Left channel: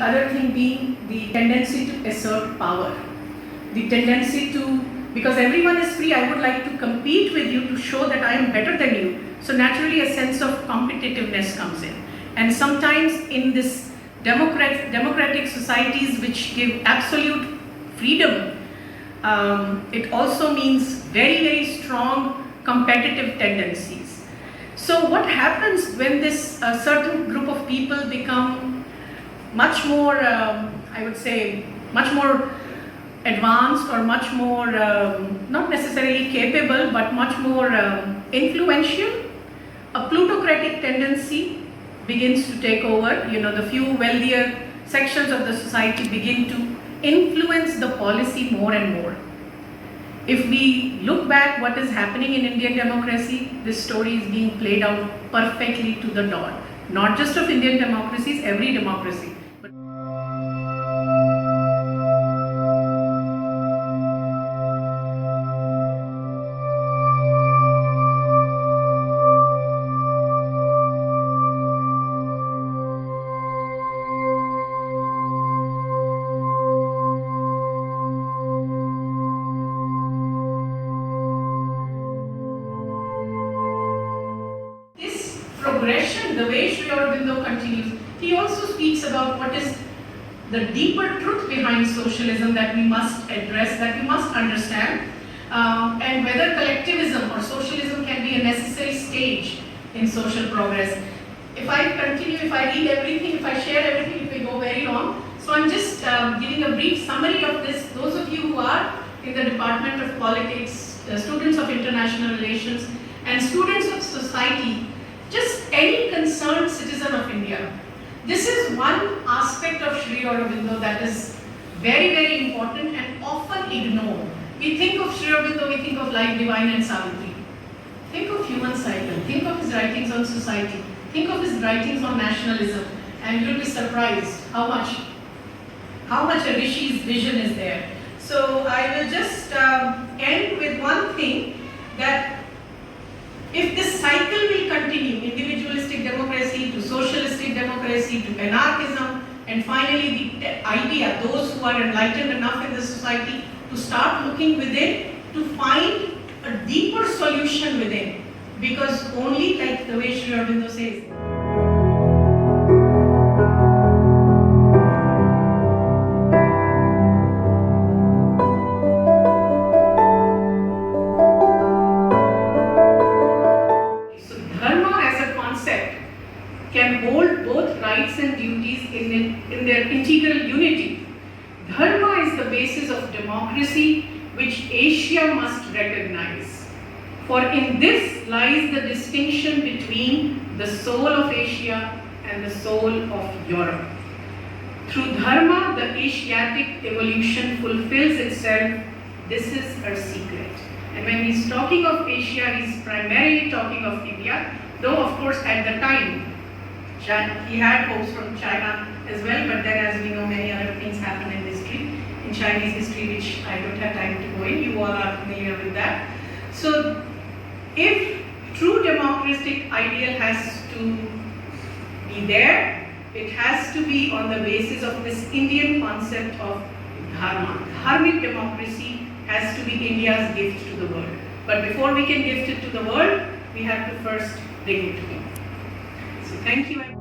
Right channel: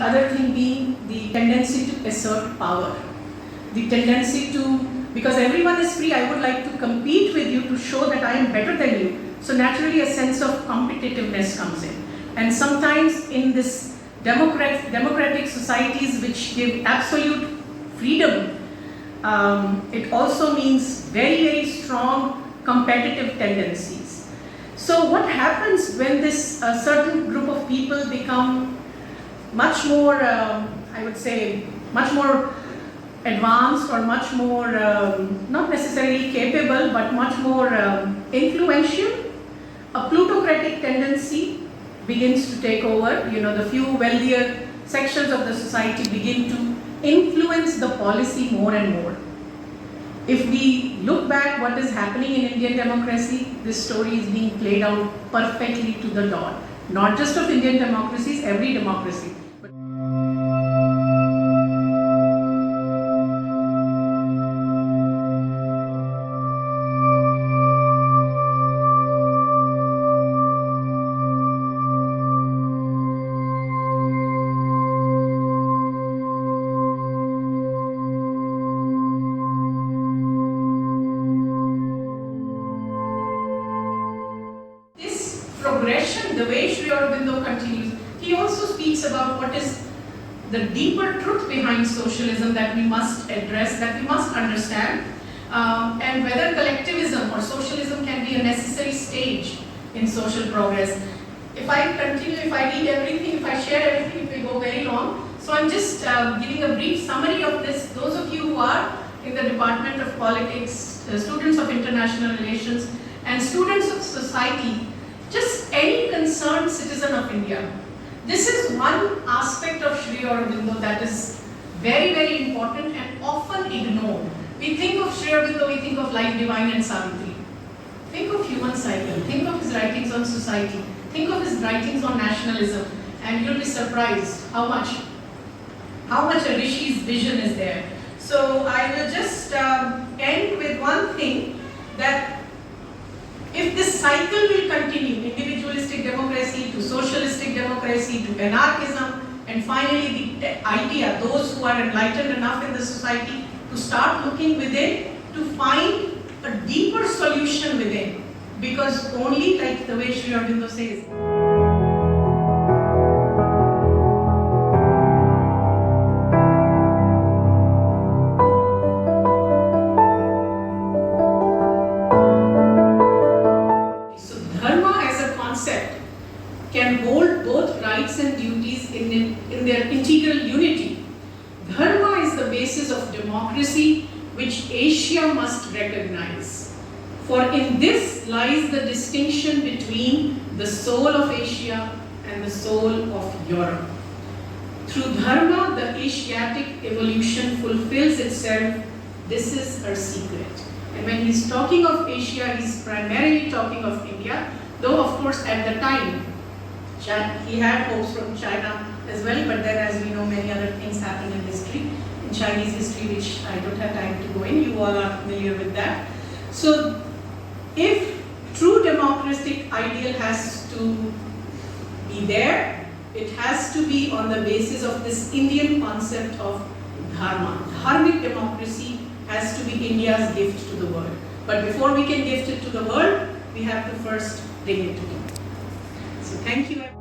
the other thing being the tendency to assert power. The tendency to, because everyone is free, I would like to compete with you to show that I am better than you. So naturally a sense of competitiveness comes in. And sometimes in this democratic societies which give absolute freedom, it also means very, very strong competitive tendencies. So what happens when this certain group of people become much more, I would say, much more advanced or much more, not necessarily capable, but much more influential, a plutocratic tendency begins to take over. You know, the few wealthier sections of the society begin to influence the policy more and more. If we look back what is happening in Indian democracy, this story is being played out perfectly to the dot. Not just of Indian democracies, every democracy. Progression, the way Sri Aurobindo continues, he also speaks about what is the deeper truth behind socialism that we must address, that we must understand, and whether collectivism or socialism can be a necessary stage in social progress. If I continue, if I read everything, if I share everything, it will go very long. So I'm just giving a brief summary of this. Those of you who are in the Department of Politics, students of International Relations, and students of society, just any concerned citizen of India. This is one aspect of Sri Aurobindo that is very, very important and often ignored. We think of Sri Aurobindo, we think of Life Divine and Savitri. Think of human cycle, think of his writings on society, think of his writings on nationalism, and you'll be surprised how much a Rishi's vision is there. So I will just end with one thing, that if this cycle will continue, individualistic democracy to socialistic democracy to anarchism, and finally the idea, those who are enlightened enough in the society to start looking within, to find a deeper solution within, because only, like the way Sri Aurobindo says, can hold both rights and duties in their integral unity. Dharma is the basis of democracy which Asia must recognize. For in this lies the distinction between the soul of Asia and the soul of Europe. Through Dharma, the Asiatic evolution fulfills itself. This is her secret. And when he's talking of Asia, he's primarily talking of India, though of course at the time, he had hopes from China as well, but then, as we know, many other things happen in history, in Chinese history, which I don't have time to go in. You all are familiar with that. So, if true democratic ideal has to be there, it has to be on the basis of this Indian concept of dharma. Dharmic democracy has to be India's gift to the world. But before we can gift it to the world, we have to first bring it to India. So thank you.